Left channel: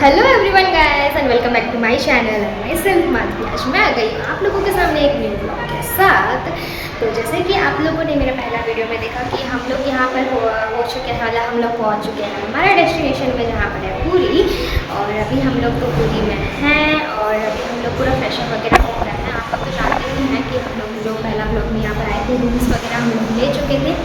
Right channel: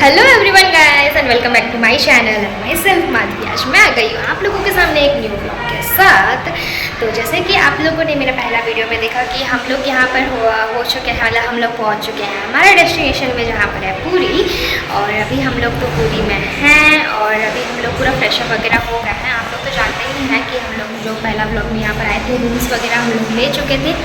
Hello everyone guys and welcome back to my channel and my self Madhavi. आज मैं आ गई हूँ आप लोगों के सामने एक न्यू ब्लॉग के साथ। तो जैसे कि आप लोगों ने मेरा पहला वीडियो में देखा कि हम लोग यहाँ पर हो चुके हैं, मतलब हम लोग पहुँच चुके हैं हमारा डेस्टिनेशन में जहाँ पर है पुरी। और अभी हम लोग तो पुरी में हैं और अभी हम लोग पूरा फ्रेशअप वगैरह हो गए हैं। आप लोग तो जानते ही हैं कि हम लोग जो पहला ब्लॉग में यहाँ पर आए थे रूम्स वगैरह हम लोग ले चुके थे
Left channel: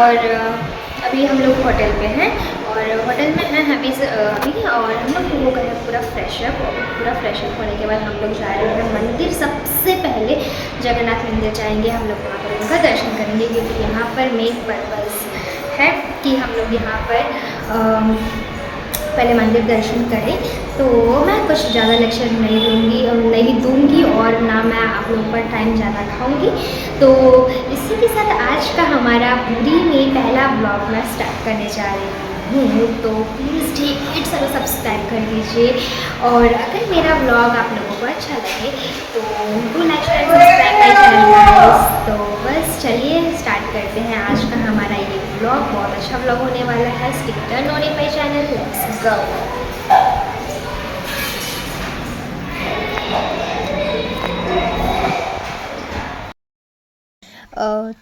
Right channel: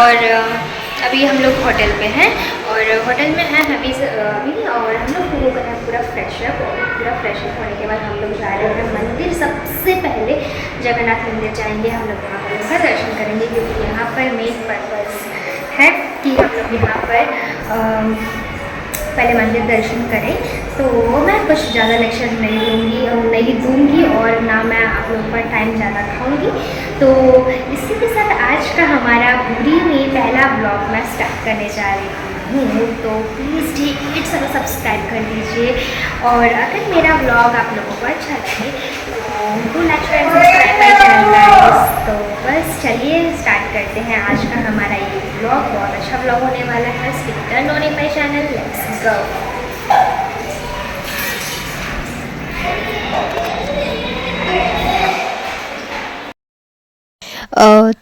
और अभी हम लोग होटल पे हैं और होटल में हैं अभी और हम लोग हो गए हैं पूरा फ्रेशअप। और पूरा फ्रेशअप होने के बाद हम लोग जा रहे हैं मंदिर। सबसे पहले जगन्नाथ मंदिर जाएंगे, हम लोग वहाँ पर उनका दर्शन करेंगे क्योंकि यहाँ पर मेन पर्पस है कि हम लोग यहाँ पर पहले मंदिर दर्शन करें। तो मैं कुछ ज़्यादा लेक्चर नहीं दूँगी और ना मैं आप लोगों पर टाइम ज़्यादा खाऊंगी। तो इसी के साथ आज का हमारा पुरी में पहला ब्लॉग मैं स्टार्ट करने जा रही हूँ। तो प्लीज़ हिट सर सब्सक्राइब कर दीजिए और अगर मेरा ब्लॉग आप लोगों को अच्छा लगे तो do like and subscribe my channel guys. तो बस चलिए स्टार्ट करते हैं आज का हमारा ये ब्लॉग। बहुत अच्छा ब्लॉग होने वाला है। Stick turn on my channel, let's go.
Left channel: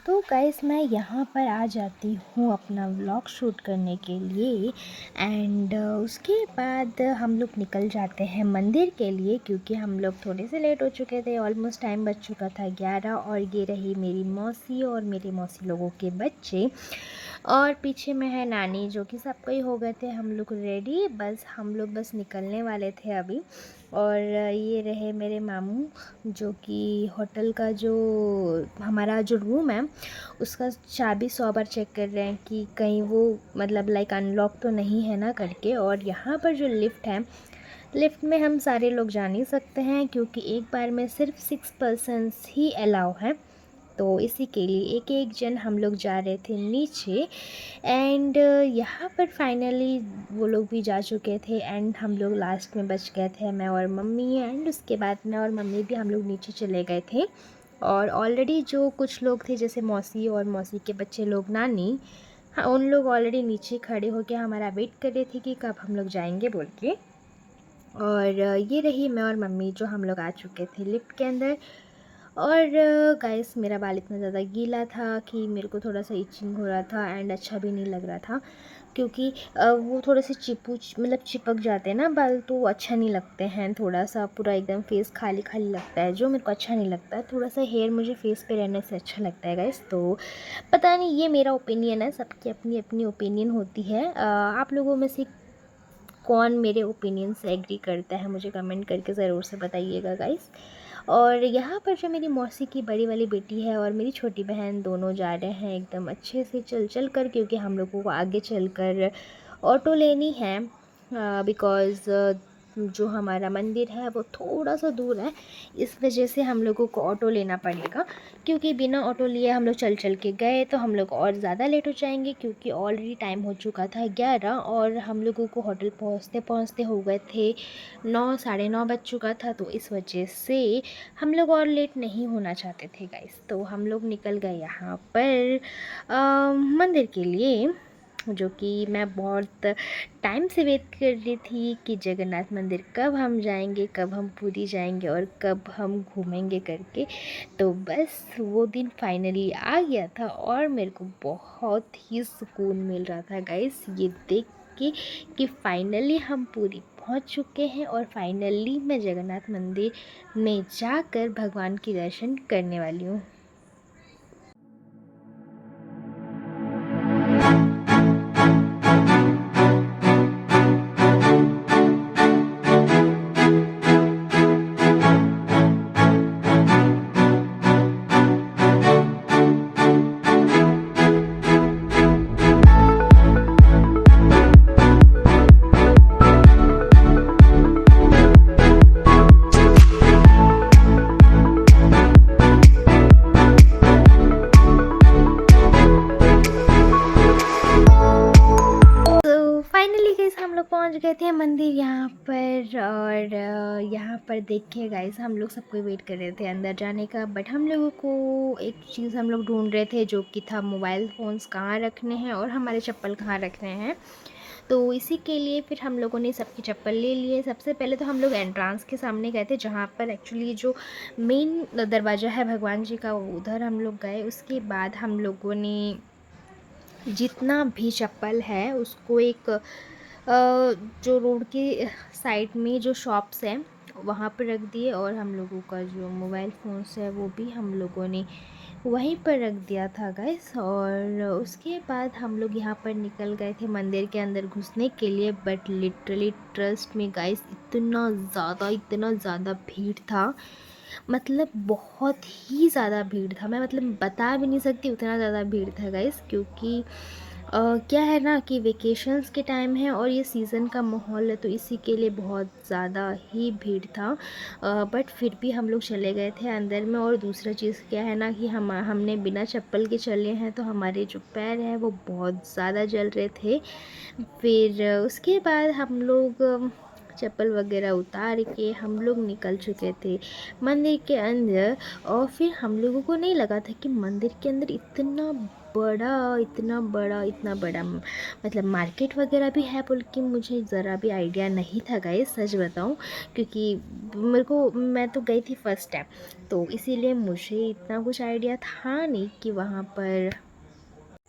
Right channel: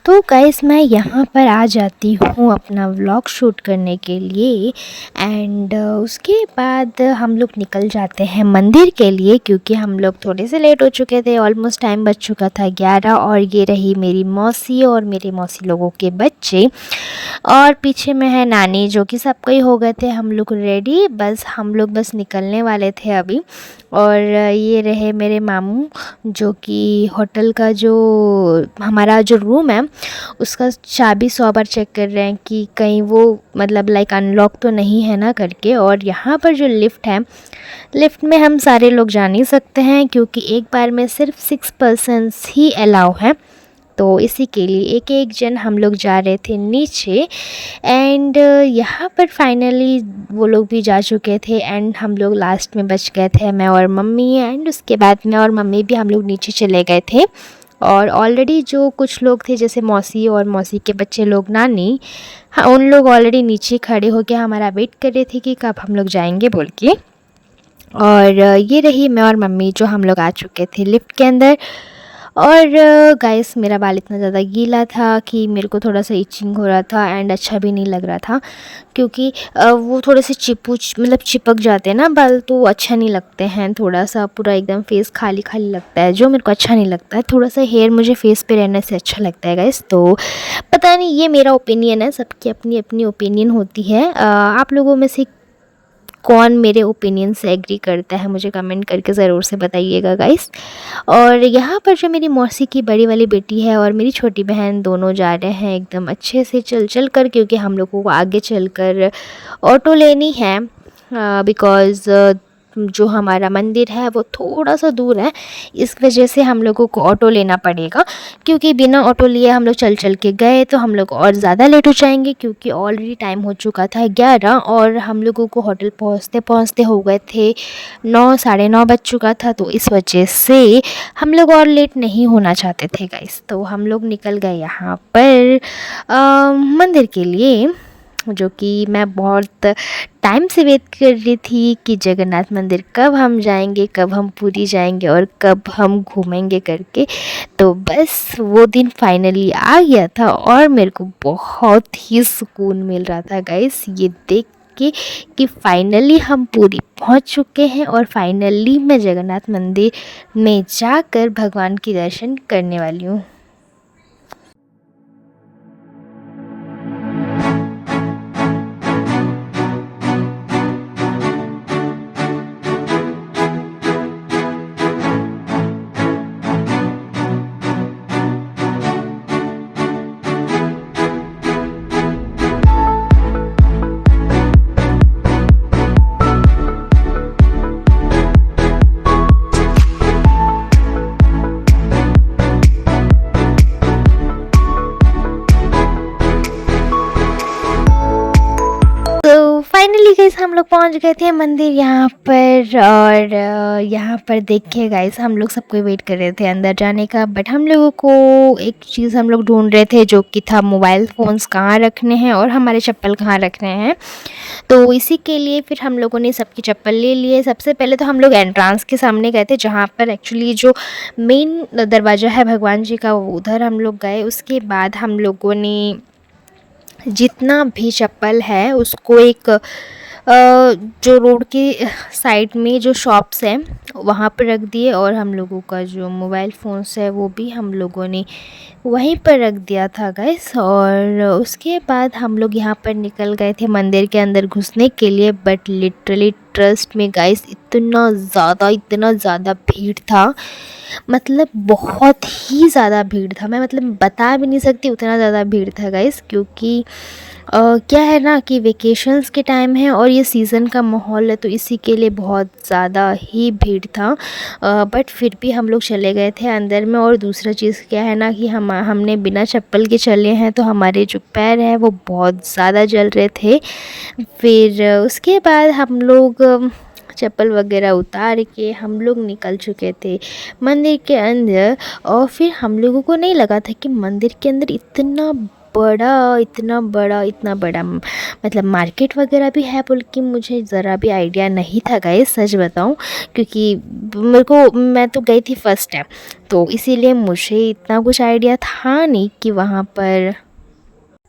तो गाइस मैं यहाँ पर आ जाती हूँ अपना व्लॉग शूट करने के लिए एंड उसके बाद हम लोग निकल जाते हैं मंदिर के लिए क्योंकि हम लोग थोड़े से लेट हो चुके थे। ऑलमोस्ट टाइम बच चुका था 11 और ये रही मेरी मौसी और मेरे मौसी लोगों के बच्चे और पीछे में है नानी जो कि सबको ही हो गए थे हम लोग रेडी। हम लोग बस निकलने वाले थे अभी। और ये रहे मेरे मामू जो कि होटल का जो हमारा जो रूम है उसका चाबी 100 बार चेक कर रहे हैं कि कहीं वो मतलब लाइक अनलॉक तो नहीं है ना करके। और यहाँ पर जो लिफ्ट है, लिफ्ट में हम सारे लोग जा नहीं सकते हैं क्योंकि एक बार में सिर्फ 6 पर्सन्स ही अलाउ हैं। तो इसी के लिए एक एक जन हम लोग जा रहे थे नीचे एंड यहाँ पर फाइनली वो लोग भी जा चुके थे एंड हम लोग लास्ट में बच गए थे, मैं और मम्मी। एंड उसके बाद मैं और मम्मी भी हम लोग नीचे चले गए थे और ऑलरेडी जो कुछ लोग थे जैसे मौसी और मौसी के बच्चे लोग, नानी, हाँ उन लोग ऑलरेडी नीचे खड़े होकर हमारा वेट कर रहे थे कि कब हम लोग जाएंगे बोल के। और ये रही मैं और मम्मी जो हम लोग आ चुके थे लिफ्ट के अंदर। और गाइस मेरा बाल इतना ज़्यादा गीला था कि मेरे को थोड़ा सा इचिंग हो रहा था एंड अच्छा भी नहीं लग रहा था क्योंकि वो थोड़े से मतलब चिपक जाते हैं ना बाल, तो अच्छा नहीं लगते हैं। थोड़ा सा पूरा एकदम फेस खाली खाली लगता है जो मेरे को अच्छा नहीं लगता है। थोड़ा सा हेयर मुझे फेस पे रहने से अच्छा लगता है गाइस। तो पता नहीं, ये मेरा ओपिनियन है, सबकी अपनी अपनी ओपिनियन होती है। आप लोगों में से कौन मेरे ओपिनियन से एग्री करता है मुझे कमेंट करके ज़रूर से बताइएगा गाइस। और यहाँ पर जो मेरी मौसी की बड़ी वाली बेटी है और मेरी छोटी बहन दोनों जा रहे हैं एकदम अच्छे से चल कर क्योंकि हम लोगों को आगे चलकर ऑटो लेनी है बिकॉज़ जो हमारा मंदिर है वो थोड़ा सा दूर है। इस वजह से हम लोगों को ऑटो लेना पड़ेगा क्योंकि बिना ऑटो लिए हम लोग चल के गए तो हम लोग और ज़्यादा लेट हो जाएंगे क्योंकि ऑलरेडी टाइम हो चुका था 11 और हम लोगों को होटल पहुंचते पहुंचते हो गए थे 9, साढ़े 9 बज चुका था। तो इस वजह से हम लोग और लेट नहीं होना चाहते थे गाइस। तो हम लोग निकल गए यहाँ पर मंदिर के लिए, जो कि मैं बहुत टाइम से वेट कर रही थी कि जगन्नाथ मंदिर कब हम जाएंगे, कब हम पुरी जाएंगे और कब हम घूमेंगे करके। तो बस वो दिन फाइनली आ गया था और मेरे को बहुत ही सुकून मिल रहा था गाइस ये देख के कि फाइनली हम पुरी पहुंच चुके हैं और फाइनली मैं जगन्नाथ मंदिर में जाकर भगवान की दर्शन करने वाली हूँ। फाइनली गाइस हम लोग पहुंच गए थे मंदिर यहाँ पर। और यहाँ पर देखिए गाइस हम लोग सबको वेट कर रहे थे अंदर जाने का, बट हम लोगों को एक चीज़ हम लोग ढूंढ रहे थे जो कि था मोबाइल फ़ोन्स कहाँ रखने हैं और हमारे चप्पल कहाँ रखने हैं। तो इसी के लिए फिर हम लोगों ने सबकी चप्पल ले लिए। सबसे पहले तो हम लोग एंट्रांस के सामने गए थे जहाँ पर एक्चुअली जो मेन दरवाज़ा है भगवान जी का, वो उधर हम लोग गए। उसके बाद हम लोगों ने जितना भी चप्पल है उसको एक जो रोड के साइड में जो शॉप्स हैं वहाँ पर रख दिए, और हम लोगों का जो मोबाइल फ़ोन्स है वो भी हम लोगों ने वहीं पर रख दिया था गाइस। और उसके बाद हम लोग यहाँ पर निकल गए थे मंदिर के अंदर घुसने के लिए, बट लिटरली ट्रस्ट में गाइस इतना ज़्यादा भीड़ था, मतलब बहुत ही ज़्यादा भीड़ था। मैं मतलब बता भी नहीं सकती उतना ज़्यादा भीड़ था गाइस, क्योंकि क्या है ना कि वेकेशंस के टाइम है और ये सीज़न का माहौल है, तो इसी के लिए बहुत ज़्यादा ही भीड़ था। बट फिर भी हम लोग चले गए थे अंदर में। और दूसरा चीज़ क्या है ना कि हमने बिना चप्पल के चले हैं, तो हमारे जो पैर हैं वो बहुत ज़्यादा जल रहे थे। फिर उसके बाद हम लोग चप्पल वगैरह उतार के हम लोग निकल चुके थे मंदिर के अंदर। और फिर हम लोगों को नहीं लगा था कि मंदिर के अंदर इतना बड़ा मतलब मार्केट वगैरह भी है बोल के मुझे ज़रा भी आइडिया नहीं था गाइस, सच बताऊं। क्योंकि मैं तो गई थी फर्स्ट टाइम, तो इसीलिए मुझे इतना कुछ आइडिया था नहीं कि वहाँ पर।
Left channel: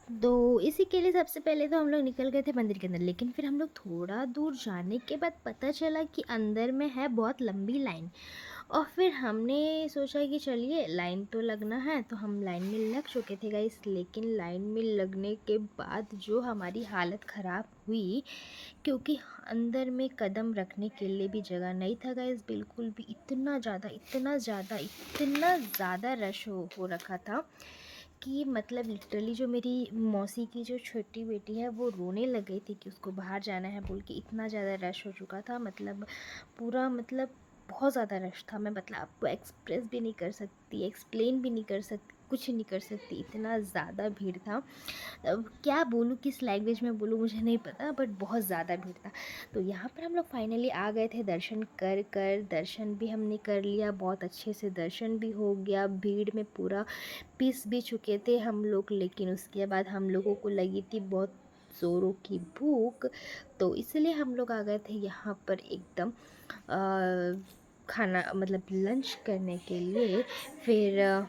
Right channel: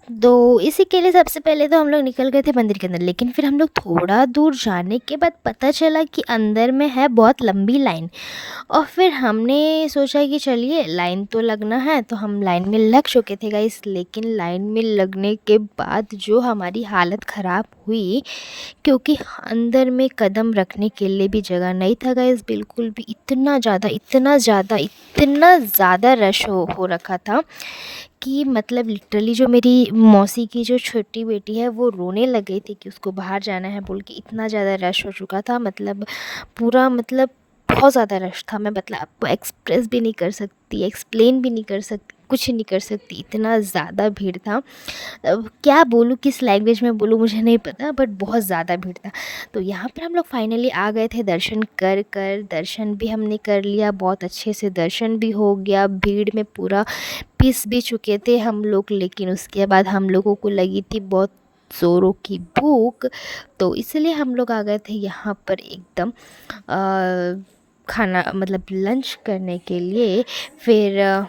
तो इसी के लिए सबसे पहले तो हम लोग निकल गए थे मंदिर के अंदर, लेकिन फिर हम लोग थोड़ा दूर जाने के बाद पता चला कि अंदर में है बहुत लंबी लाइन। और फिर हमने सोचा कि चलिए लाइन तो लगना है, तो हम लाइन में लग चुके थे गाइस। लेकिन लाइन में लगने के बाद जो हमारी हालत ख़राब हुई, क्योंकि अंदर में कदम रखने के लिए भी जगह नहीं था गाइस बिल्कुल भी। इतना ज़्यादा रश हो रखा था कि मतलब लिटरली जो मेरी मौसी की जो छोटी बेटी है वो रोने लग गई थी कि उसको बाहर जाना है बोल के। इतना ज़्यादा रश हो चुका था, मतलब पूरा मतलब बहुत ज़्यादा रश था। मैं मतलब आपको एक्सप्रेस भी नहीं कर सकती, एक्सप्लेन भी नहीं कर सकती, कुछ नहीं कर सकती, इतना ज़्यादा भीड़ था। अब क्या बोलूँ, किस लैंग्वेज में बोलूँ मुझे नहीं पता, बट बहुत ज़्यादा भीड़ था। तो यहाँ पर हम लोग फाइनली आ गए थे दर्शन कर दर्शन भी हमने कर लिया, बहुत अच्छे से दर्शन भी हो गया। भीड़ में पूरा पिस भी चुके थे हम लोग, लेकिन उसके बाद हम लोगों को लगी थी बहुत ज़ोरों की भूख, तो इसलिए हम लोग आ गए थे यहाँ पर एकदम खाना मतलब लंच करने के लिए। फिर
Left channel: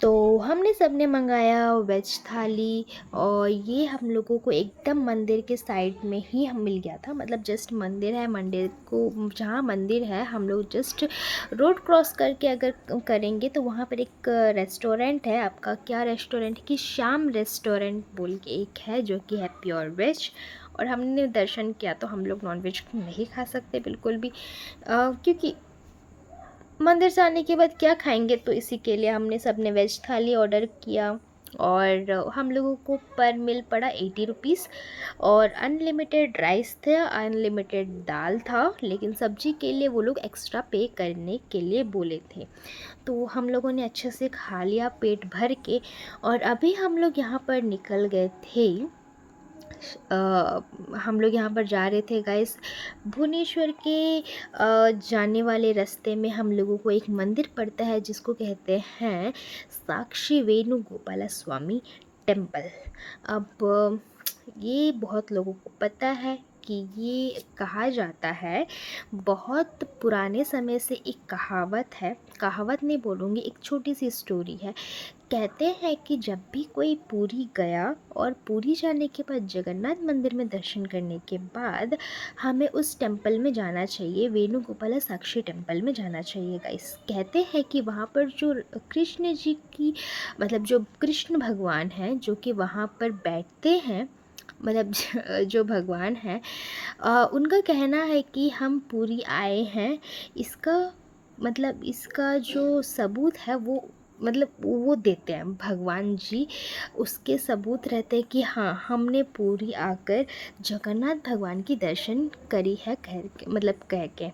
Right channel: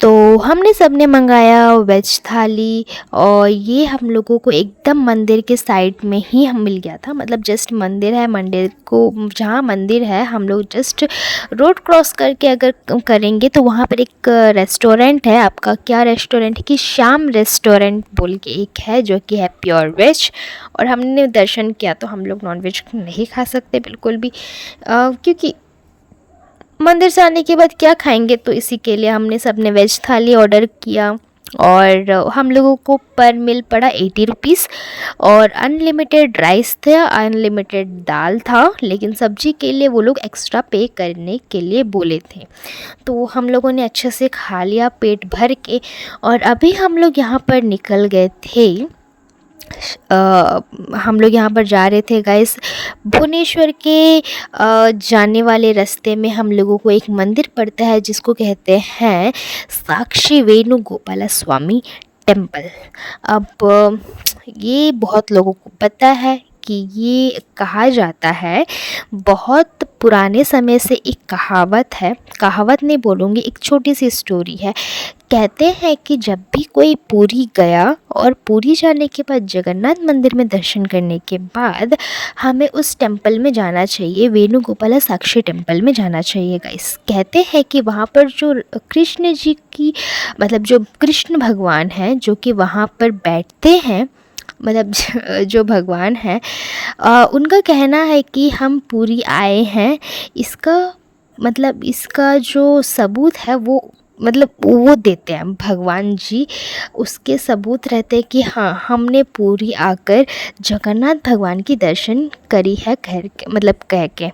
तो हमने सबने मंगाया वेज थाली, और ये हम लोगों को एकदम मंदिर के साइड में ही हम मिल गया था। मतलब जस्ट मंदिर है, मंदिर को जहाँ मंदिर है हम लोग जस्ट रोड क्रॉस करके अगर करेंगे तो वहाँ पर एक रेस्टोरेंट है। आपका क्या रेस्टोरेंट है कि श्याम रेस्टोरेंट बोल के एक है जो कि है प्योर वेज। और हमने दर्शन किया तो हम लोग नॉन वेज नहीं खा सकते बिल्कुल भी, क्योंकि मंदिर से आने के बाद क्या खाएंगे, तो इसी के लिए हमने सबने वेज थाली ऑर्डर किया। और हम लोगों को पर मील पड़ा 80 रुपीज़, और अनलिमिटेड राइस था, अनलिमिटेड दाल था, लेकिन सब्जी के लिए वो लोग एक्स्ट्रा पे करने के लिए बोले थे। तो हम लोगों ने अच्छे से खा लिया पेट भर के। और अभी हम लोग यहाँ पर निकल गए थे, हम लोग यहाँ पर जा रहे थे गाइस भुवनेश्वर के जाने वाले रास्ते में हम लोगों को एक मंदिर पड़ता है जिसको कहते हैं साक्षी वेणुगोपाल स्वामी टेम्पल। अब ये बहुत लोगों को पता है कि ये कहा जाता है, बहुत पुराने समय से एक कहावत है, कहावत नहीं बोलूँगी, एक छोटी सी स्टोरी है। कहते हैं कि जब भी कोई पुरी गया और पुरी जाने के बाद जगन्नाथ मंदिर में दर्शन करने के बाद हमें उस टेंपल में जाना चाहिए, वेणुगोपाल साक्षी टेंपल में जाना चाहिए गाइस। कहते हैं कि वहाँ पर जो कृष्ण जी की मतलब जो कृष्ण भगवान हैं जो कि वहाँ पर बैठते हैं, मतलब जो भगवान हैं, उनका कहना है कि हम पुरी आए हैं, इसका मतलब इसका जो सबूत है वो मतलब वो देते हैं भगवान जी, उसके सबूत रहते हैं कि हाँ हमने पुरी आकर जगन्नाथ भगवान की दर्शन करी है घर के मतलब कह के।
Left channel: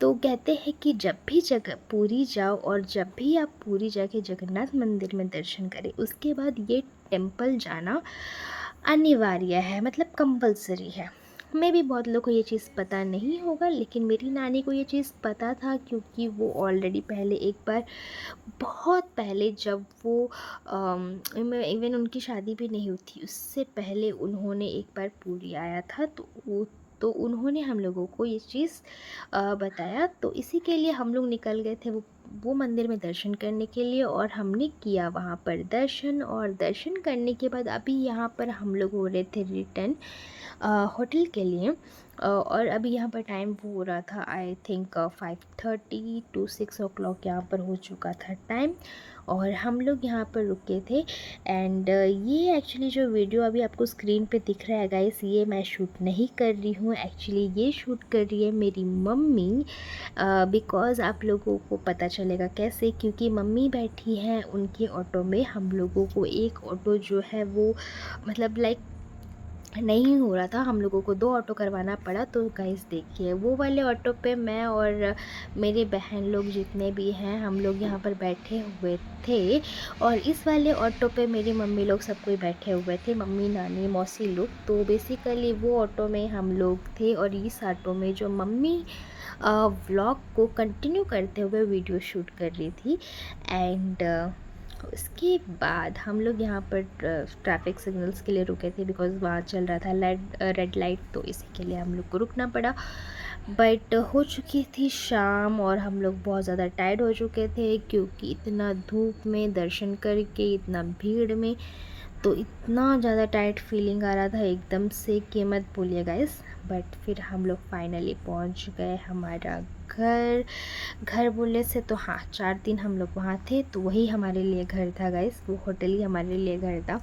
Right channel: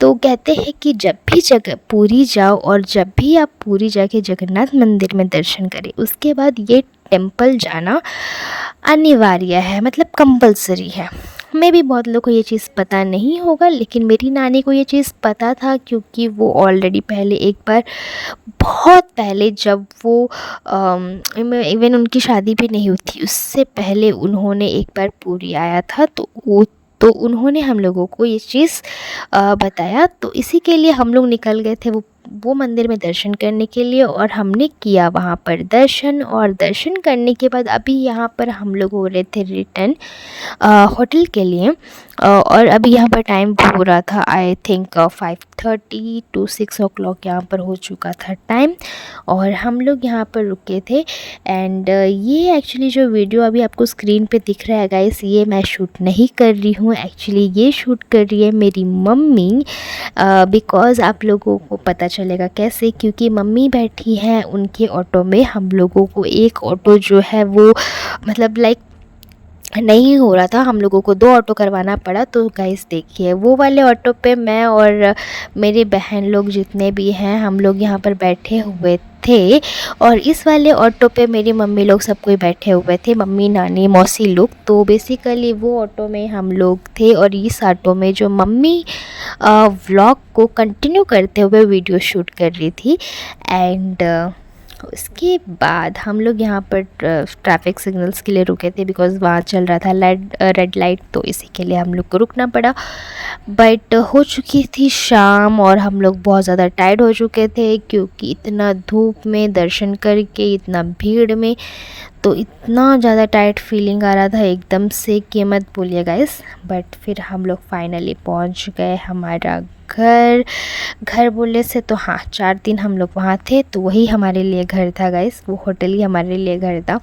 तो कहते हैं कि जब भी जगह पुरी जाओ और जब भी आप पुरी जाके जगन्नाथ मंदिर में दर्शन करें, उसके बाद ये टेंपल जाना अनिवार्य है, मतलब कंपलसरी है। मे भी बहुत लोगों को ये चीज़ पता नहीं होगा, लेकिन मेरी नानी को ये चीज़ पता था, क्योंकि वो ऑलरेडी पहले एक बार, बहुत पहले, जब वो इवन उनकी शादी भी नहीं हुई थी उससे पहले उन्होंने एक बार पूरी आया था, तो उन्होंने हम लोगों को ये चीज़ बताया। तो इसी के लिए हम लोग निकल गए थे वो मंदिर में दर्शन करने के लिए, और हमने किया वहाँ पर दर्शन। और दर्शन करने के बाद अभी यहाँ पर हम लोग हो रहे थे रिटर्न होटल के लिए, और अभी यहाँ पर टाइम हो रहा था आई थिंक 5:30 to 6 o'clock यहाँ पर हो चुका था टाइम, और हम लोग यहाँ पर रुके थे। एंड ये एक्चुअली जो वीडियो अभी आपको स्क्रीन पे दिख रहा है गाइस, ये मैं शूट नहीं कर रही हूँ, एक्चुअली ये शूट कर रही है मेरी मम्मी, बिकॉज़ आप लोगों को पता चलेगा कैसे, क्योंकि मम्मी बैठी हैं उनके ऑटो में। हम लोगों को एक ऑटो जो है वो मतलब लाइक नहीं हो रहा था, हम लोगों को 2 ऑटो करवाना पड़ा। तो गाइस देखिए, वो वाले ऑटो पे मैं और मेरी बहन लोग जितने भी हैं हम लोग यहाँ पर बैठे हुए थे, और इस वाले ऑटो पे मेरी मम्मी लोग सब कोई बैठे हुए थे, मम्मी, नानी, मौसी लोग। तो बेसिकली वो ऑटो में हम लोग थे, और इस ऑटो में जो मम्मी व्लॉग को कंटिन्यू करते हुए वीडियो शूट कर रही थी। एंड उसके बाद हम लोग यहाँ पर ट्रैफिक सिग्नल्स के लिए रुके थे, बिकॉज़ वहाँ चल रहा था रेड लाइट, तो इसी के लिए हम लोग को रुकना पड़ा। बट हो चुकी थी शाम, और हम लोग बहुत ज़्यादा टायर्ड हो चुके थे, क्योंकि इतना धूप में दर्शन करके, इतना भीड़ में, तो इतना ज़्यादा टायर्ड फीलिंग आ रहा था एकदम से कि मत बोलिए गाइस। बट फिर हम लोग फाइनली पहुंच गए हमारा घर बोलने से तो हाँ, 4 दिन हम लोग वहाँ थे, तो वही हमारे लिए घर था गाइस, वो होटल ही हमारे लिए घर था।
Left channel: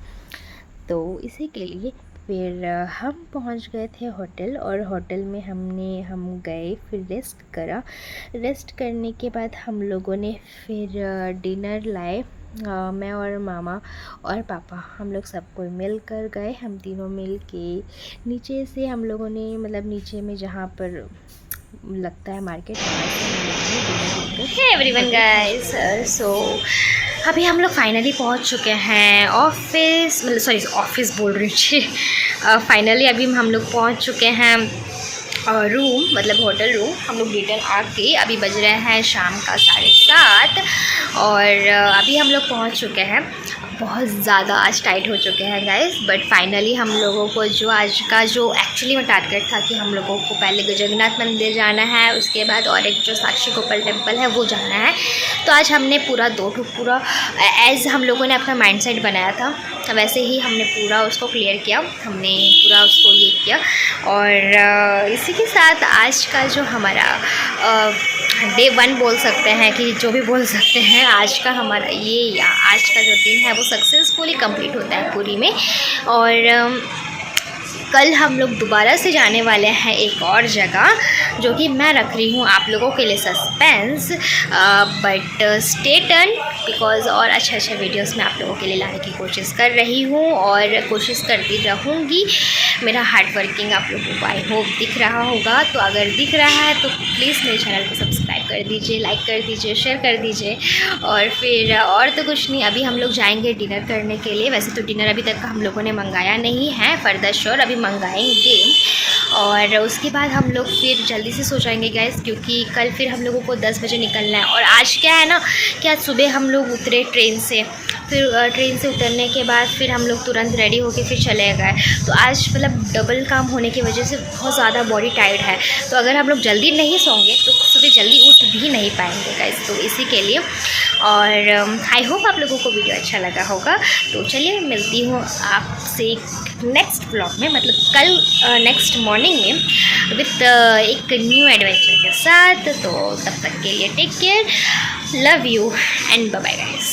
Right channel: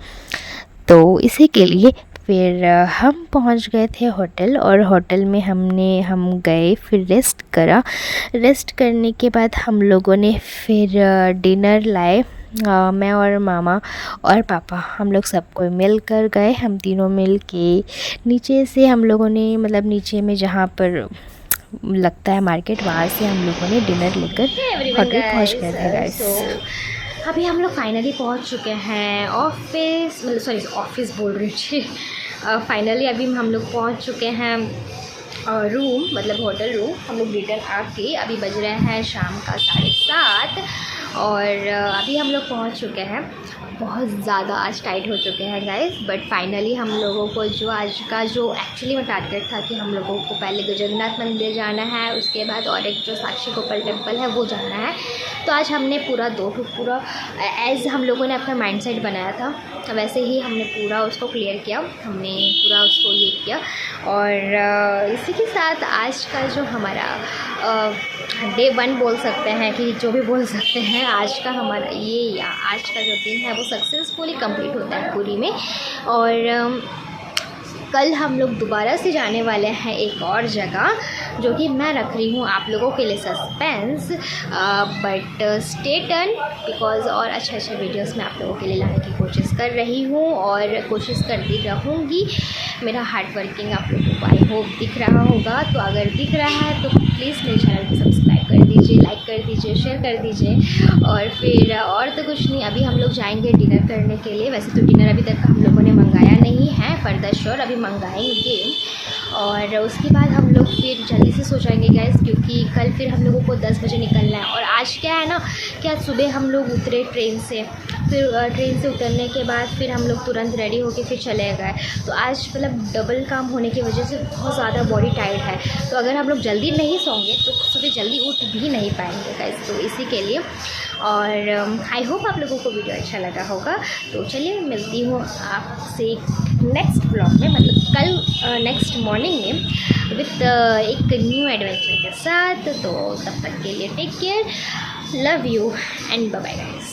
तो इसी के लिए फिर हम पहुँच गए थे होटल, और होटल में हम गए, फिर रेस्ट करा। रेस्ट करने के बाद हम लोगों ने फिर डिनर लाए, मैं और मामा और पापा, हम लोग सब कोई मिल कर गए। हम तीनों मिल के नीचे से हम लोगों ने, मतलब नीचे में जहाँ पर लगता है मार्केट, वहाँ से हम लोगों ने डिनर लेकर एवरीवन गाइस, सो अभी हम लोग फाइनली पहुंच चुके हैं ऑफिस, मतलब सॉरी ऑफिस बोल रही हूँ फाइनली अभी हम लोग पहुंच चुके हैं रूम, मतलब होटल रूम। हम लोग रिटर्न आके अभी बज रहे हैं शाम का 7:30, और अभी हम लोग पहुंच चुके हैं। बहुत ज़्यादा आज टाइट हो चुके हैं गाइस, बट फाइनली हम लोगों को जो आज का जो एक्चुअली में टारगेट था कि हम लोगों को पहले जगन्नाथ मंदिर जाना है, उसके बाद और एक जो साक्षी गोपाल टेम्पल है वो जाना है। तो आज हमने पूरा पूरा एज़ हम लोगों ने अपना माइंडसेट बनाया था, वैसे ही हमने पूरा उसको क्लियर किया, हमने पूरा उसको ये किया। और इसी के साथ आज का जो हमारा डे 1 बोल सकते हैं, कि जो भी बोल सकते हैं, आज का हमारा आज का जो दिन है वो सक्सेसफुली कंप्लीट होता है पूरी में। और कल हम लोग दोबारा से जाने वाले हैं एक और जगह, जो कि मैं रख रही हूँ आप लोगों के लिए suspense, but stay turn, because और अच्छे वीडियोस मैं आप लोगों के लिए लाने की कोशिश कर रही हूँ, और कोशिश करती रहूँगी। मेरा हार्ड वर्किंग आप लोगों को आई होप दिख रहा होगा, तो अगर दिख रहा है तो प्लीज़ मेरे चैनल को सब्सक्राइब कर दीजिए, लाइक कर दीजिए, शेयर कर दीजिए। और फिर और तो कुछ नहीं, अभी हम लोग जाएंगे डिनर करने के लिए। वैसे तो डिनर अभी तक हम लोगों ने मंगाया नहीं है, फर्दर श्योर अभी मंगाएंगे। और उसके बाद हम लोग फिर जल्दी से सो जाएंगे गाइस, क्योंकि कल फिर हम लोगों को 10 बजे निकलना है। और आज क्या है ना कि आज सुबह हम लोग उतरे ट्रेन से, फिर ट्रेन से उतरने के बाद फिर हम लोग तुरंत रेडी होके फिर चले गए। तो आज मतलब डबल काम होने की वजह से बहुत ज़्यादा बॉडी टायर्ड है। तो अगर हम लोग जल्दी नहीं सोएंगे तो सुबह जल्दी उठ भी नहीं पाएंगे गाइस, तो इसी के लिए। और आई होप आप लोगों को वीडियो अच्छा लगा होगा। तो चलिए मिलती हूँ आपसे नेक्स्ट ब्लॉग में, मतलब कल नेक्स्ट मॉर्निंग में विथ एक न्यू एडवेंचर के साथ। तो तब तक के लिए take care, love you and bye bye guys.